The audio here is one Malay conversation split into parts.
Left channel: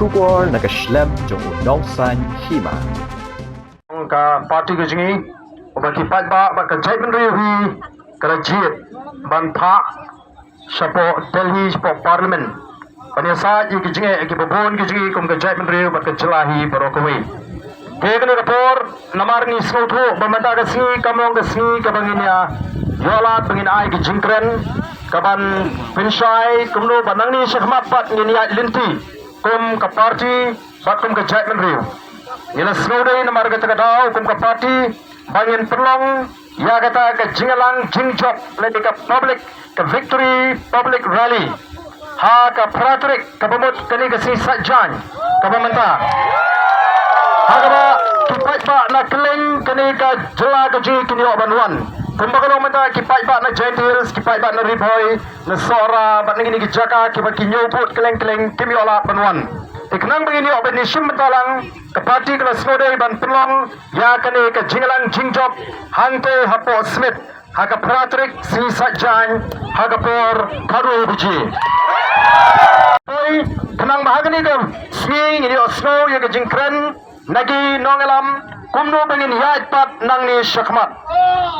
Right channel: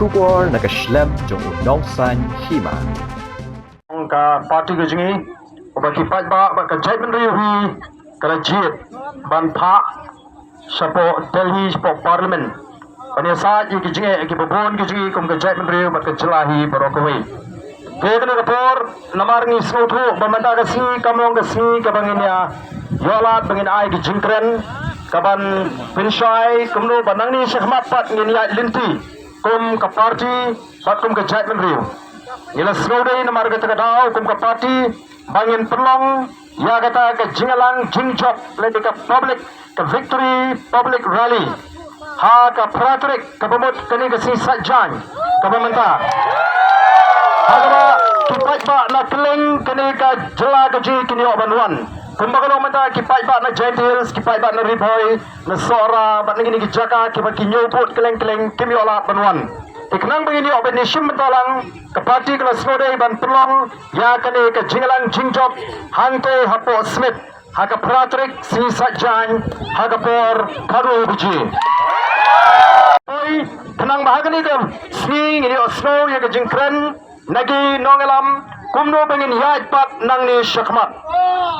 Kubor nakaslem jong unong san hima. Ka parti ke jingi bagi patba bak jai menteri hui kerajit ban pha sapo Delhi sapo parlimen panisa ji ke jingi ke babon ke jingi kum ke jai menteri bak jelahi barokawai begene kapor namar ni snothu bamanda ke si kamong ke si ke banginya yolat bangin ai ke jingkren kaban pinshai kumno banang ni sakhmat pat ni linti kum ke parti bak kum ke jai menteri ila snowday na marga tagadao kum kapati bangin perlong ya kata ke jingalang jingjok ledi ke public ke victory public rally ha ke pratrik ke bamut kani ke si sajjan ke bamenta ha kaba kipat ba na keleng kani ke jela ke ji kini ok banwan kum bakalo menta kipat ba na giant hills kipat ba na riboy na sora ba ni ke jaka kipat kinyoput keleng-keleng kimi ola banwan Ikenang begini obat ni sim bentalang kepati kena snodai ban pelong ya kene ke jingalang jingjok hangte hapo smith haka pratrik si sajjan haka por karu buji oi tenang bahagani ke si ngini osno ya ke jingkren nagi nongalam kumno bengin ya pat nang ni syakmat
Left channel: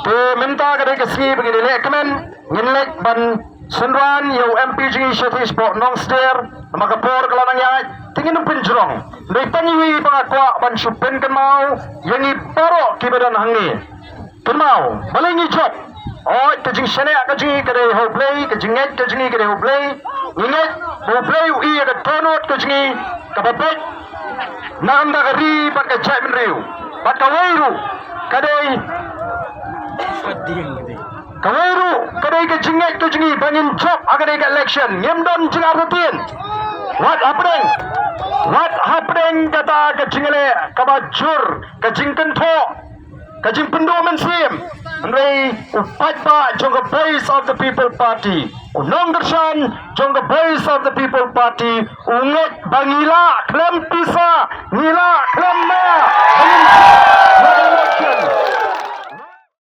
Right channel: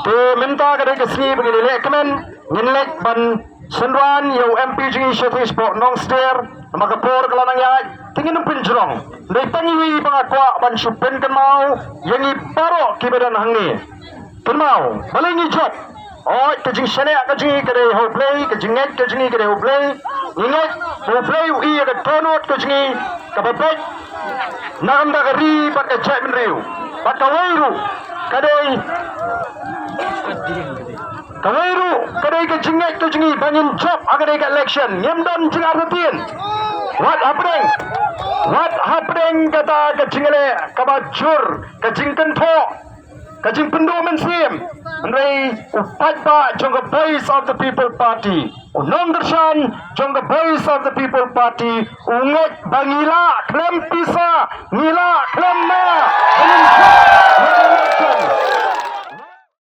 te minta ke ke si begini lekmen nginlek ban Senran yang MPG Syatish Port Nongster maka por kelanang ya tingin ng pinjrong may pangiwi pangakwa ban supen kan mau yang iparo kibadan hangi kan mau balingi job oh kajing sene kajing kade ho play kajing nget kajing kade ho play nget ho play i ka tonot kajing kababet naganda kari pat ka jaimin riu pat kawairu kade kawairu kade ka jinget kajing banyin job agade ka election nyamdan jingar rutin what happening kata kajingale kabajur kajingkan tho kajing pendoman sim Andrei upat ba jongga voice of the people party unong gersan jongga voice of the people party unget bangila klem